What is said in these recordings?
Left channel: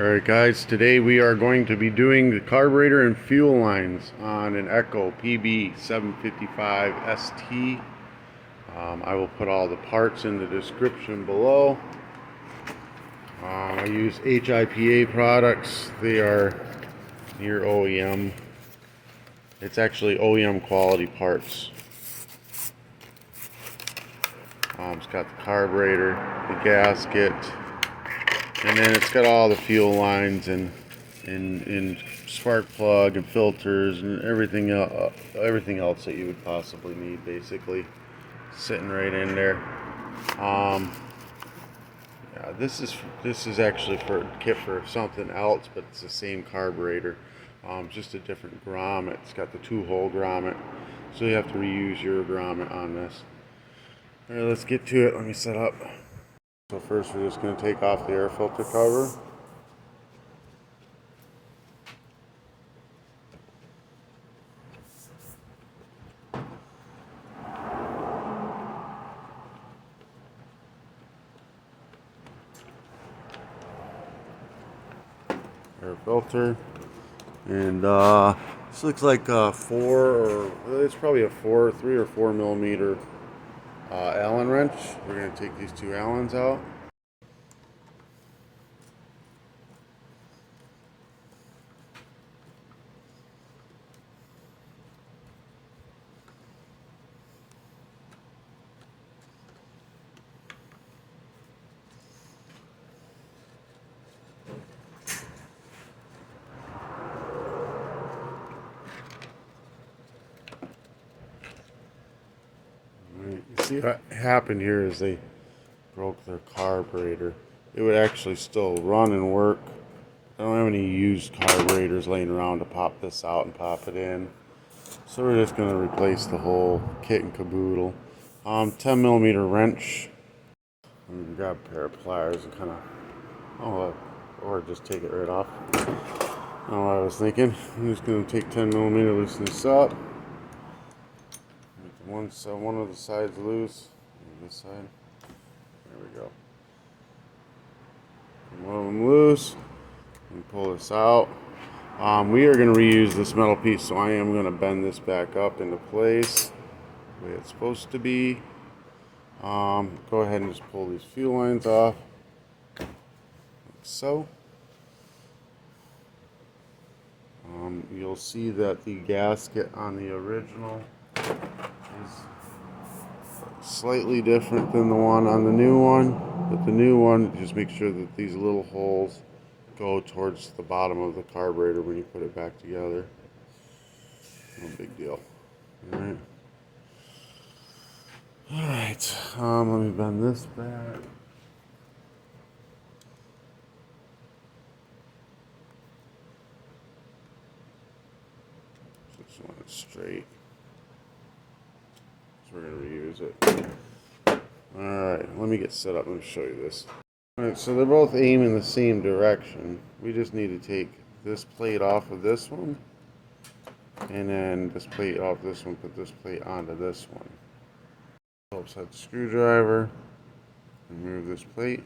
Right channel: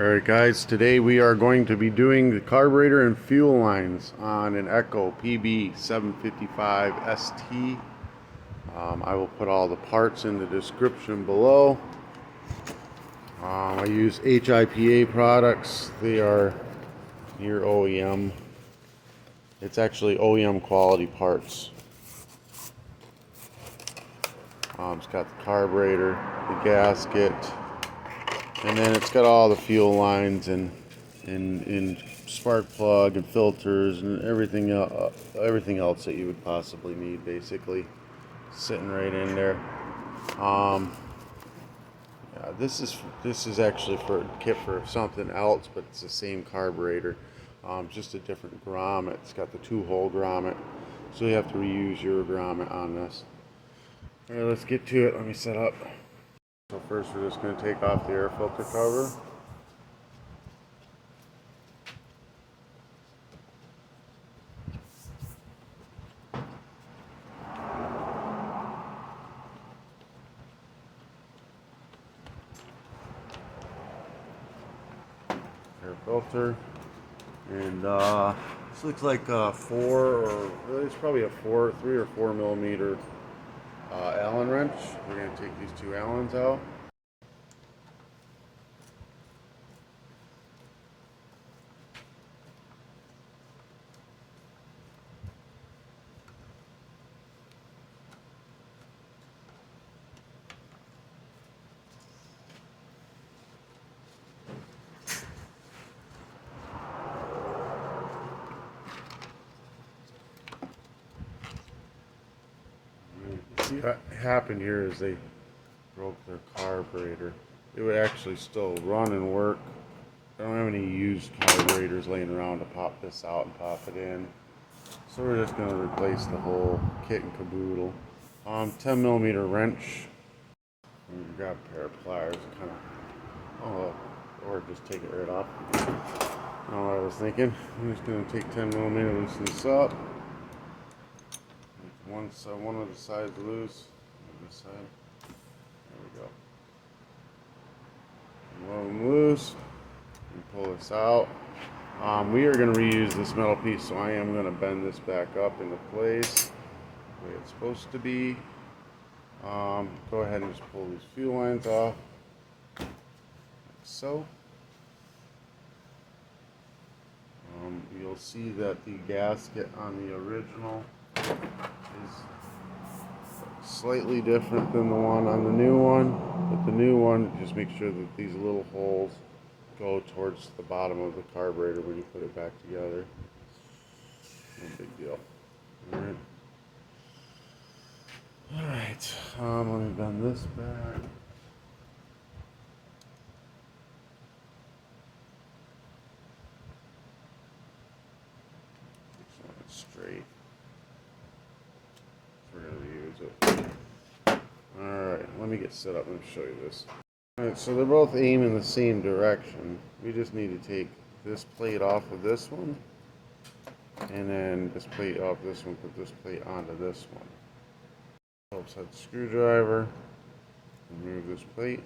Alright guys, today we are going to be doing the carburetor and fuel lines on an Echo pb-755st. I will put all the parts in the description below. I use HIPA products. They are near OEM. It's actually OEM quality parts. It's got the carburetor, the gasket, and then it's got all the fuel lines and spark plug and filters and everything else that you would possibly need, basically sitting right in there. Yeah, this is actually for kit for something else, but it's the same carburetor, just a different grommet. It's got the 2-hole grommet, so you have to reuse your grommet on this. All right, let's get to it. Let me set up. So first we're just going to take off the air filter cover. Air filter. And this looks like a it's probably a 3 or 4 millimeter Allen wrench. We're going to take these 2 Allens out. See what happened here is they broke their carburetor. It would actually still run and work. I don't have any used carburetors laying around to pop this out and pop it in. So we're just going to replace the whole kit and caboodle. 10 millimeter wrench. I'm going to grab a pair of pliers and kind of, or just take it right off. I don't know what I was thinking. I'm just going to take 10 millimeter, loosen this up. One of the sides loose. This side. There we go. One of them loose. And pull this out. We are going to reuse this metal piece, so I am going to bend this back up into place the way it's supposed to be. Go ahead and just pull these fuel lines off, like so. You'll see that the gasket on the original is slightly different than the one on the new one, but the new one, just make sure that these little holes go towards the bottom of the carburetor when you put it back together. No big deal. Alright, let me bend this back. This one straight. So we're going to reuse it. Alright, let me get set up and show you this. Alright, so they're both aiming the same direction. We just need to take this plate off of this one, and then this plate off this one, put this plate onto this one. Helps head screwdriver, remove this plate.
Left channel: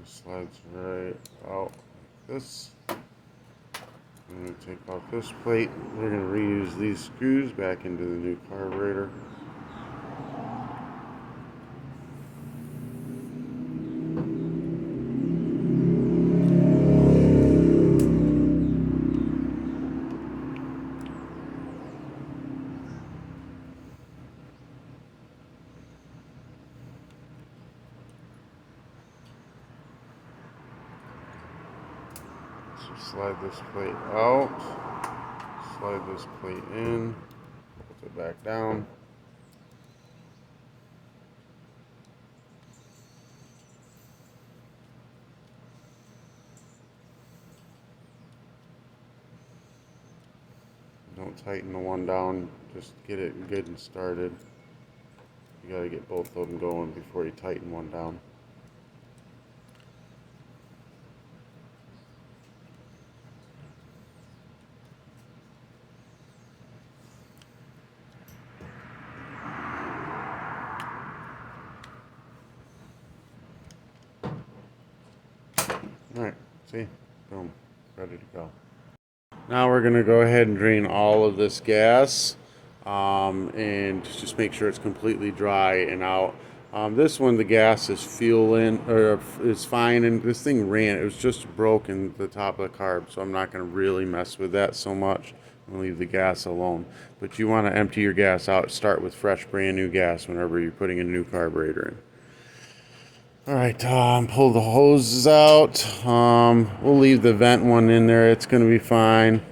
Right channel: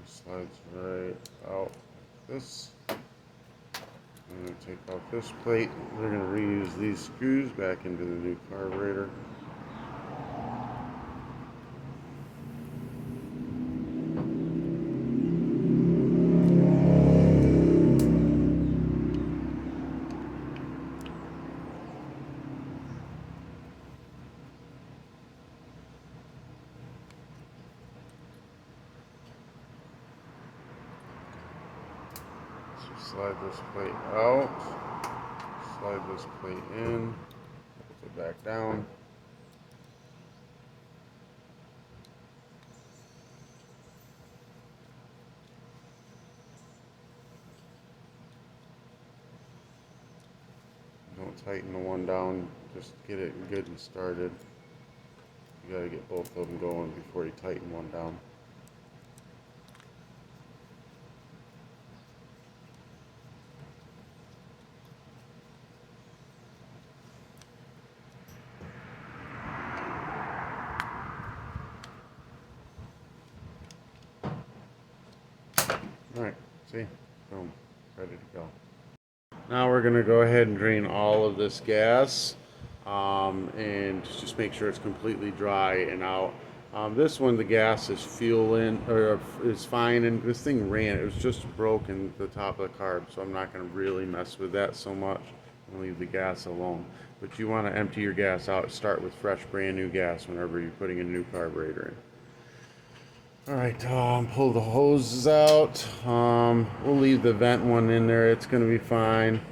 It slides right out like this. I'm going to take off this plate. We're going to reuse these screws back into the new carburetor. So slide this plate out. Slide this plate in, pull it back down. Don't tighten the one down, just get it good and started. You You gotta get both of them going before you tighten one down. Alright, see? Boom. Ready to go. Now we're going to go ahead and drain all of this gas and just make sure it's completely dry and out. This one, the gas is fueling, or is fine, and this thing ran. It was just broken, the top of the carb, so I'm not going to really mess with that so much. I'm going to leave the gas alone. But you want to empty your gas out. Start with fresh, brand new gas whenever you're putting a new carburetor in. Alright, pull the hoses out. We'll leave the vent one in there. It's going to be fine.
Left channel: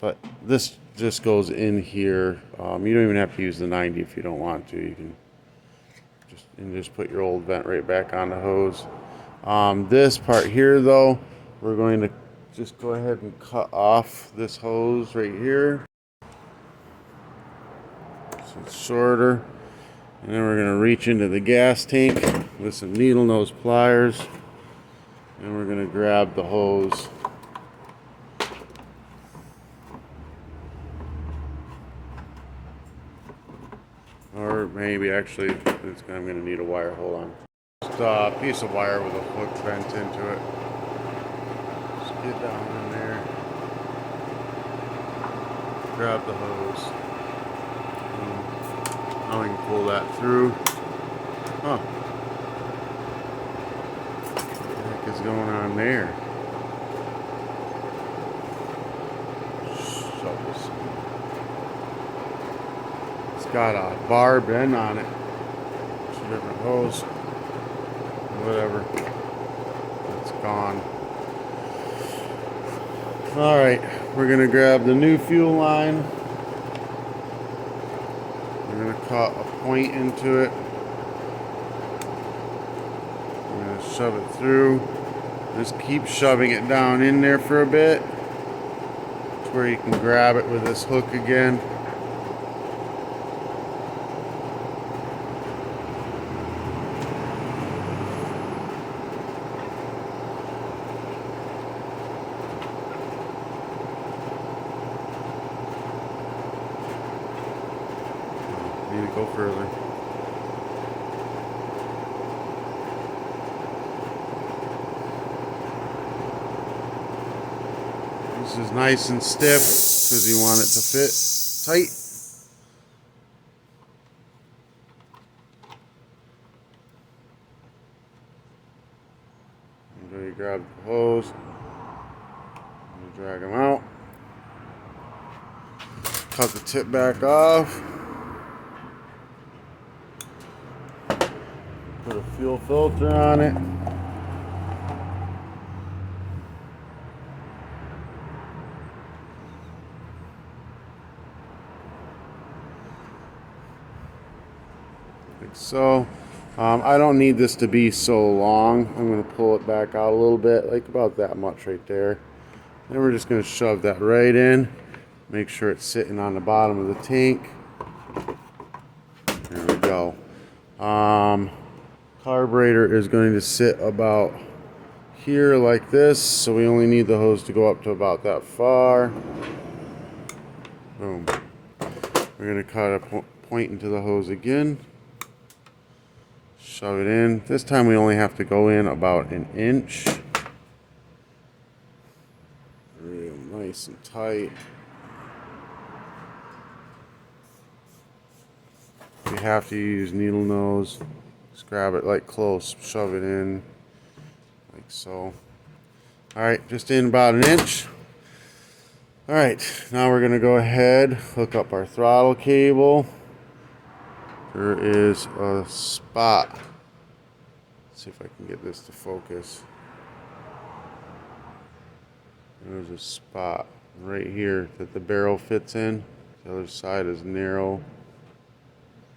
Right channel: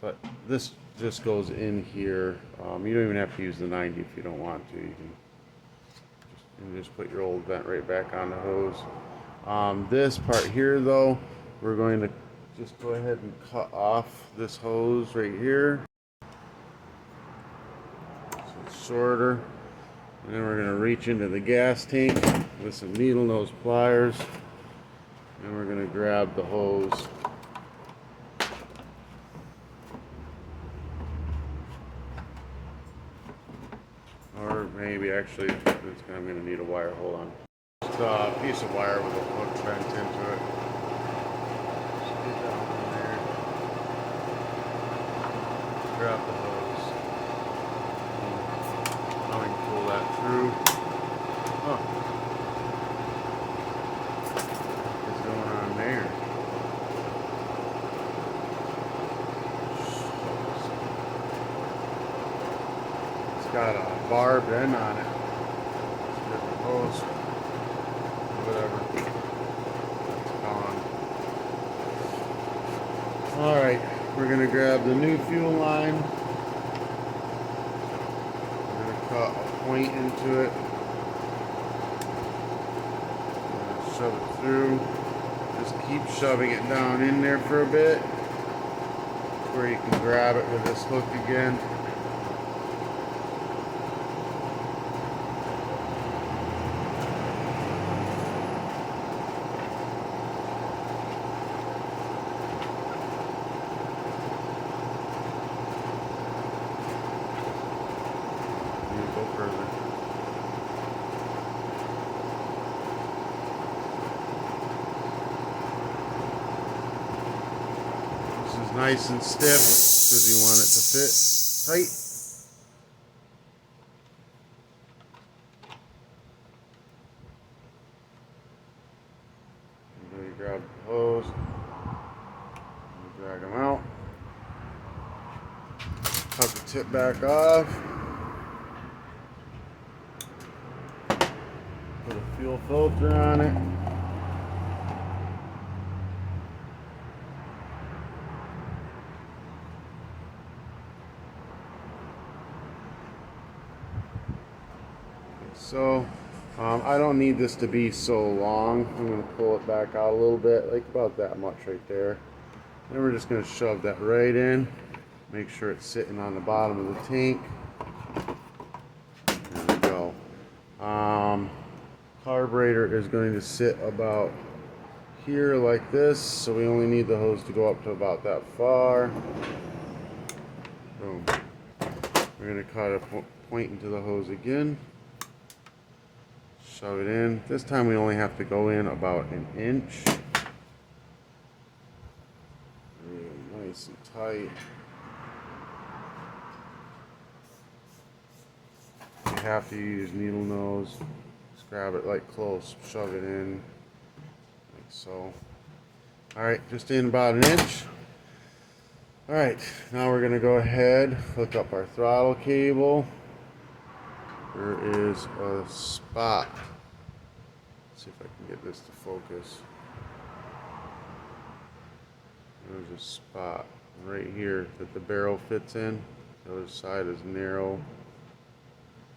But this just goes in here. You don't even have to use the 90 if you don't want to. You can just put your old vent right back on the hose. This part here, though, we're going to just go ahead and cut off this hose right here. So it's shorter. And then we're going to reach into the gas tank with some needle nose pliers. And we're going to grab the hose. Or maybe actually, I'm going to need a wire. Hold on. Just a piece of wire with a hook bent into it. Just get that in there. Grab the hose. Now we can pull that through. Oh. What the heck is going on there? It's got a barb end on it. It's a different hose. Whatever. It's gone. Alright, we're going to grab the new fuel line. We're going to cut a point into it. We're going to shove it through. Just keep shoving it down in there for a bit. To where you can grab it with this hook again. Need to go further. This is nice and stiff because you want it to fit tight. And then you grab the hose and drag them out. Cut the tip back off. Put a fuel filter on it. Like so. I don't need this to be so long. I'm going to pull it back out a little bit, like about that much right there. Then we're just going to shove that right in. Make sure it's sitting on the bottom of the tank. There we go. Carburetor is going to sit about here like this, so we only need the hose to go up to about that far. Boom. We're going to cut a point into the hose again. Shove it in. This time we only have to go in about an inch. Real nice and tight. If you have to use needle nose, just grab it like close, shove it in like so. Alright, just in about an inch. Alright, now we're going to go ahead, hook up our throttle cable. There is a spot. Let's see if I can get this to focus. There's a spot right here that the barrel fits in. The other side is narrow.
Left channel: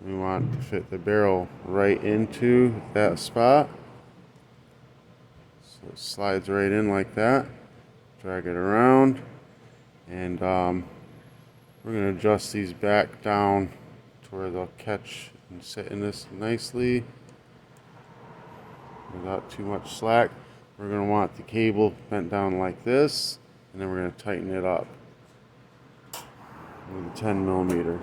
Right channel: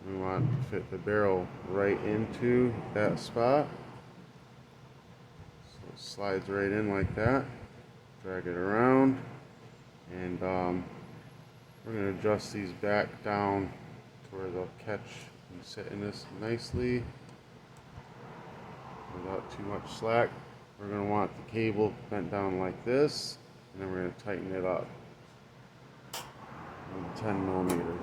We want to fit the barrel right into that spot. So it slides right in like that. Drag it around. And we're going to adjust these back down to where they'll catch and sit in this nicely without too much slack. We're going to want the cable bent down like this, and then we're going to tighten it up with a 10 millimeter.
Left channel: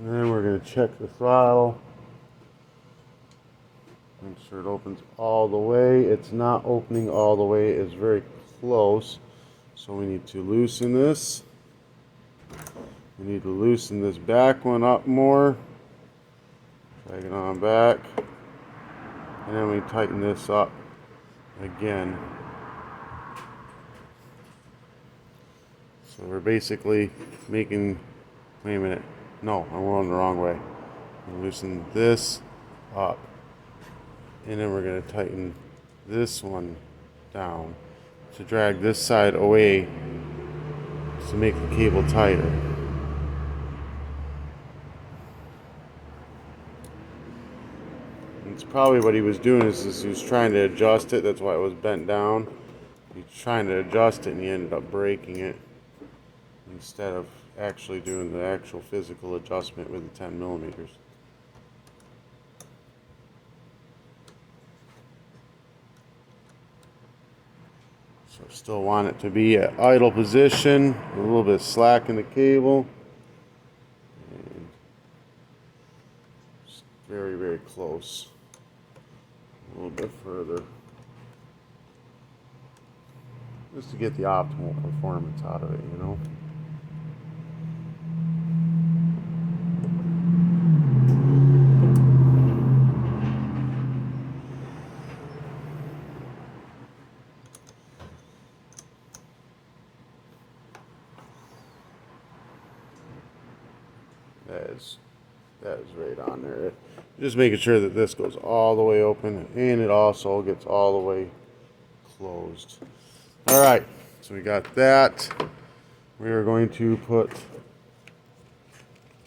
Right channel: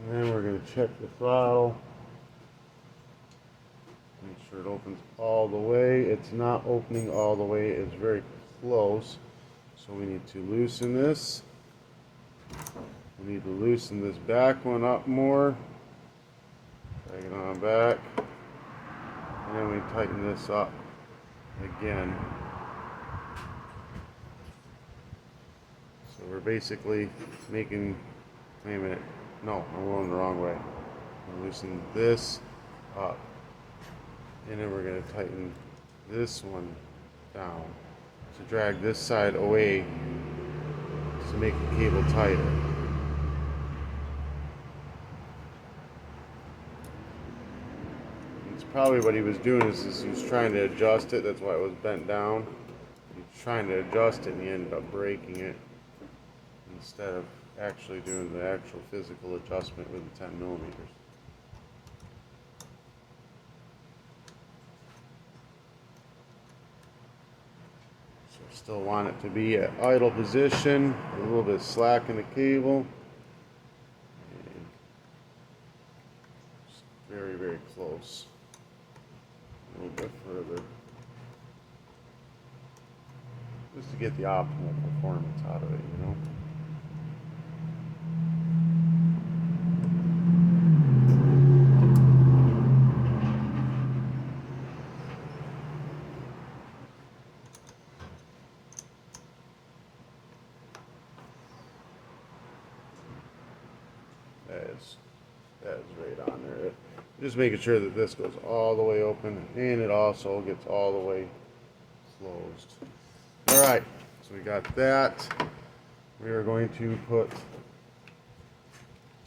And then we're going to check the throttle. Make sure it opens all the way. It's not opening all the way. It's very close. So we need to loosen this. We need to loosen this back one up more. Drag it on back. And then we tighten this up again. So we're basically making, wait a minute. No, I'm going the wrong way. Loosen this up. And then we're going to tighten this one down to drag this side away to make the cable tighter. It's probably what he was doing is he was trying to adjust it. That's why it was bent down. He's trying to adjust it and he ended up breaking it instead of actually doing the actual physical adjustment with the 10 millimeters. So still want it to be at idle position, a little bit of slack in the cable. And very, very close. A little bit further. Just to get the optimal performance out of it, you know. That is right on there. Just making sure that this goes all the way open and it also gets all the way closed. All right, so we got that. We are going to put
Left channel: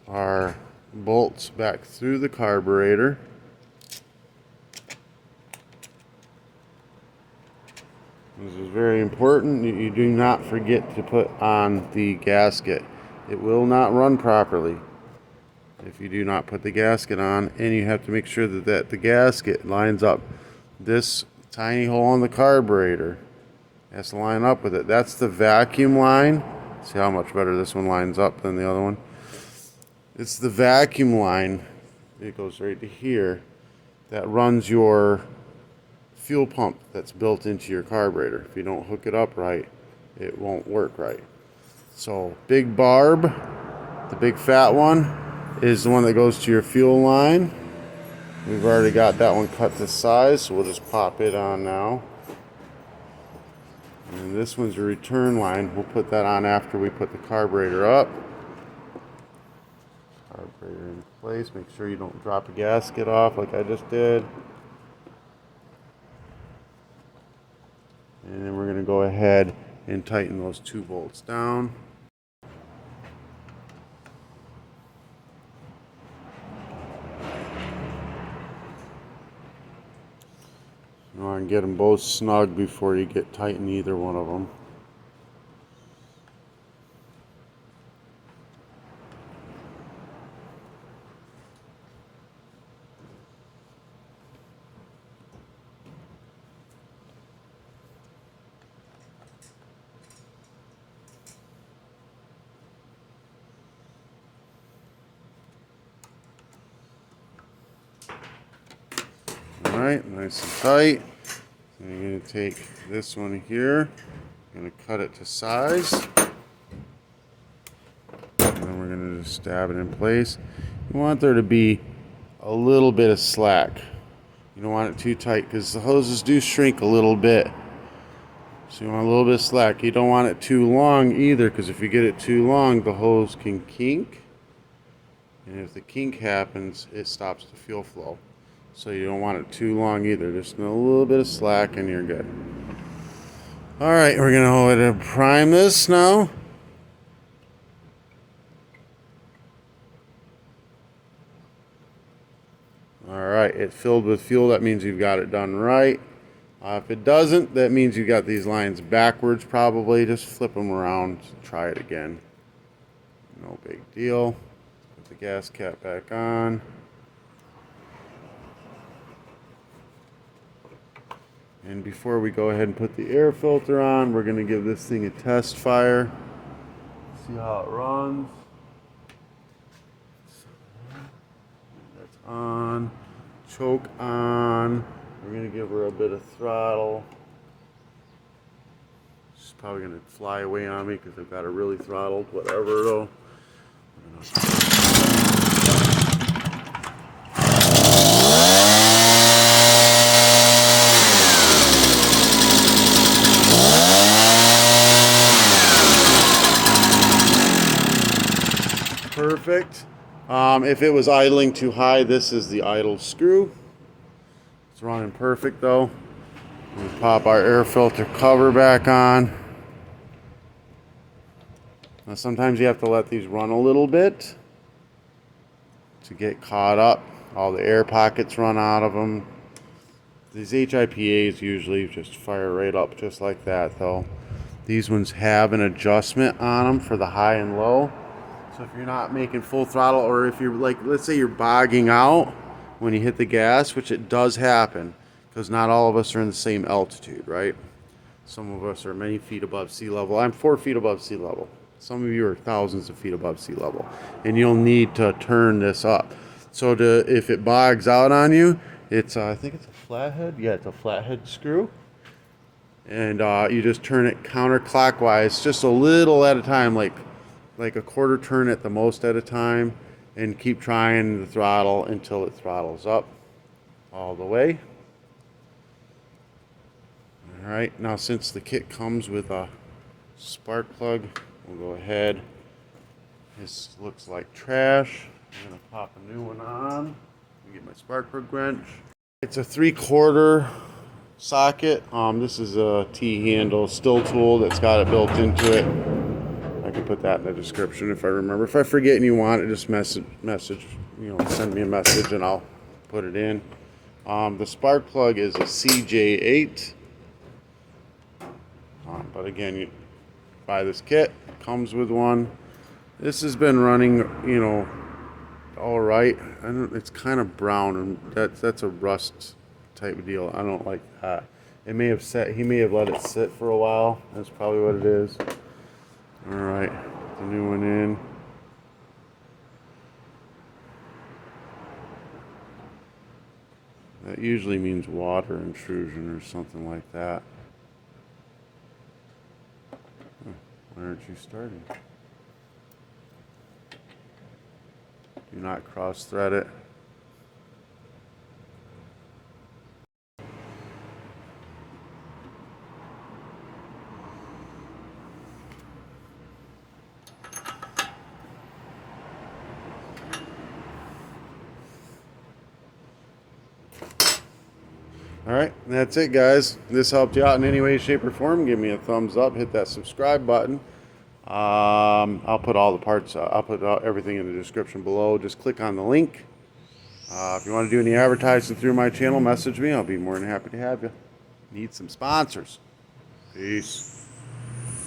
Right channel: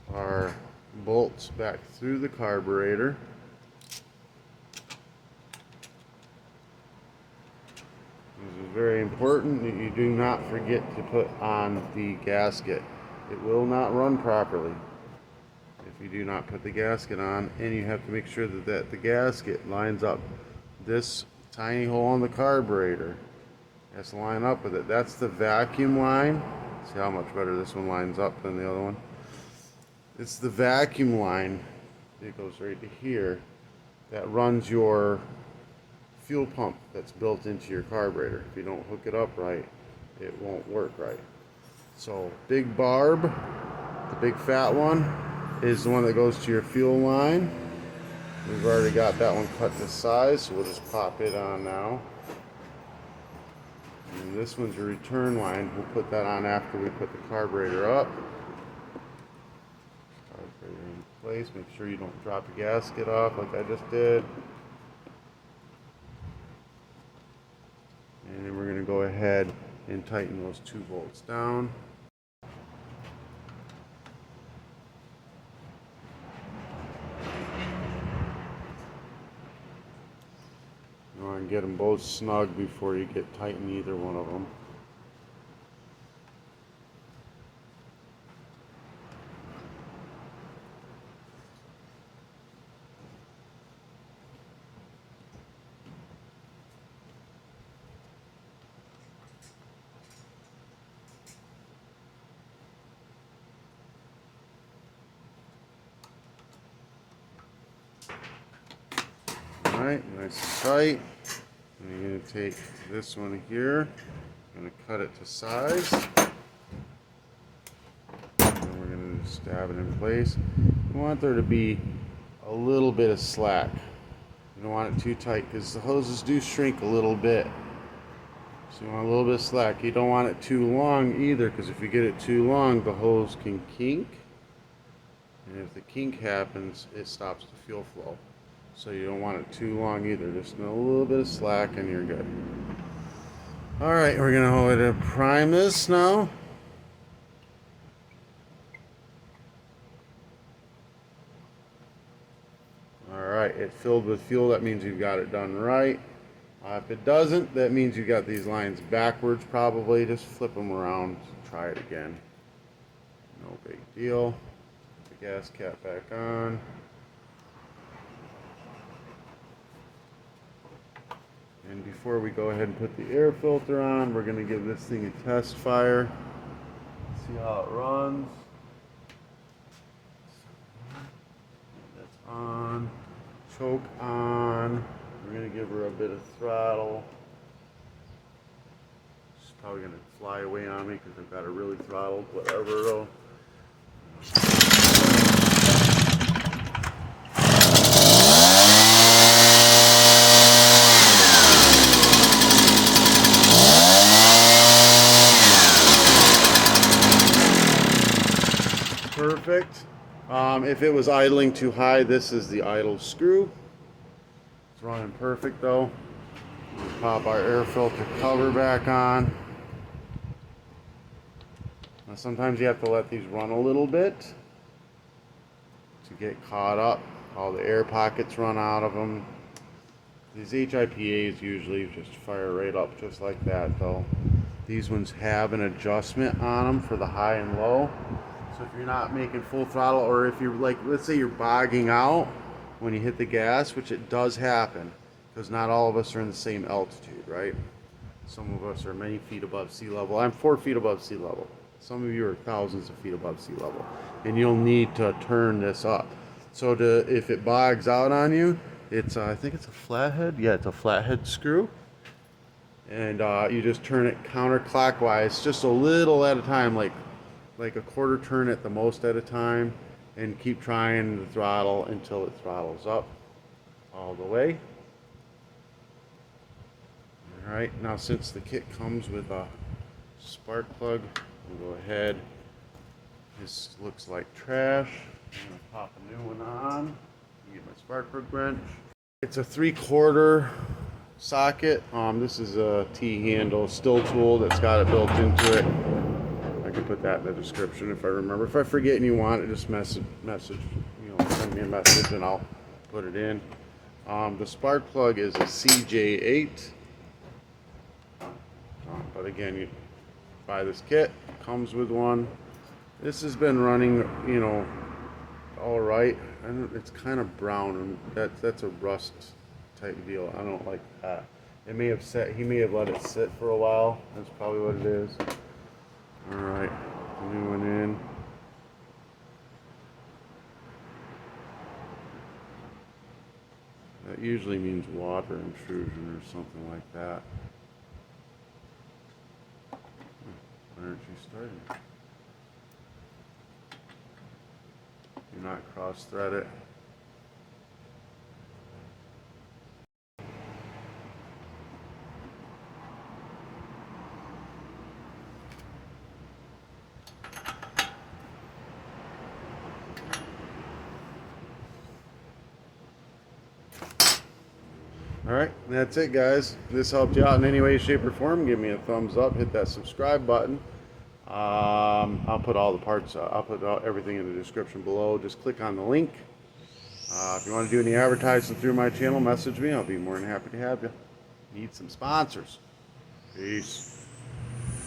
our bolts back through the carburetor. This is very important. You do not forget to put on the gasket. It will not run properly if you do not put the gasket on, and you have to make sure that the gasket lines up. This tiny hole in the carburetor has to line up with it. That's the vacuum line. See how much better this one lines up than the other one? It's the vacuum line. It goes right to here. That runs your fuel pump that's built into your carburetor. If you don't hook it up right, it won't work right. So big barb, the big fat one, is the one that goes to your fuel line. We've already got that one cut to size, so we'll just pop it on now. And this one's a return line. We'll put that on after we put the carburetor up. Carburetor in place. Make sure you don't drop a gasket off like I just did. And then we're going to go ahead and tighten those two bolts down. You want to get them both snug before you get tighten either one of them. Alright, nice and tight. I'm going to take this one here, I'm going to cut it to size, and then we're going to just stab it in place. You want there to be a little bit of slack. You don't want it too tight because the hoses do shrink a little bit. So you want a little bit of slack. You don't want it too long either, because if you get it too long, the hose can kink. And if the kink happens, it stops the fuel flow. So you don't want it too long either. Just a little bit of slack and you're good. Alright, we're going to hold it and prime this now. Alright, it filled with fuel. That means you've got it done right. If it doesn't, that means you got these lines backwards probably. Just flip them around. Try it again. No big deal. Put the gas cap back on. And before we go ahead and put the air filter on, we're going to give this thing a test fire. See how it runs. That's on. Choke on. We're going to give her a bit of throttle. She's probably going to fly away on me because I've got her really throttled. Whatever though. Perfect. If it was idling too high, this is the idle screw. It's running perfect though. We pop our air filter cover back on. Now sometimes you have to let these run a little bit to get caught up. All the air pockets run out of them. These HIPAs usually just fire right up just like that though. These ones have an adjustment on them for the high and low. So if you're not making full throttle, or if you're like, let's say you're bogging out when you hit the gas, which it does happen, because not all of us are in the same altitude, right? Some of us are many feet above sea level. I'm 4 feet above sea level. Some of you are thousands of feet above sea level. And you'll need to turn this up. So if it bogs out on you, it's, I think it's a flathead. Yeah, it's a flathead screw. And you just turn it counterclockwise, just a little at a time, like a quarter turn at the most at a time, and keep trying the throttle until it throttles up all the way. All right, now since the kit comes with a spark plug, we'll go ahead. This looks like trash. I'm gonna pop a new one on. Get my spark plug wrench. It's a 3/4 socket. This is a T-handle still tool that's got it built into it. I can put that in the description if I remember. If I forget and you want it, just message, send me a message and I'll put it in. The spark plug is a CJ8. But again, you buy this kit, comes with one. This has been running, all right. It's kind of brown, and that's a rust type deal. I don't like that. It may have he may have let it sit for a while. That's probably what it is. All right, the new one in. That usually means water intrusion or something like that. Why aren't you starting? Do not cross thread it. Alright, that's it guys. This helped you out in any way, shape, or form. Give me a thumbs up, hit that subscribe button. I'll put all the parts, I'll put everything in the description below. Just click on the link. If you want to do any advertising through my channel, message me. I'll be more than happy to have you. Need some sponsors. Peace.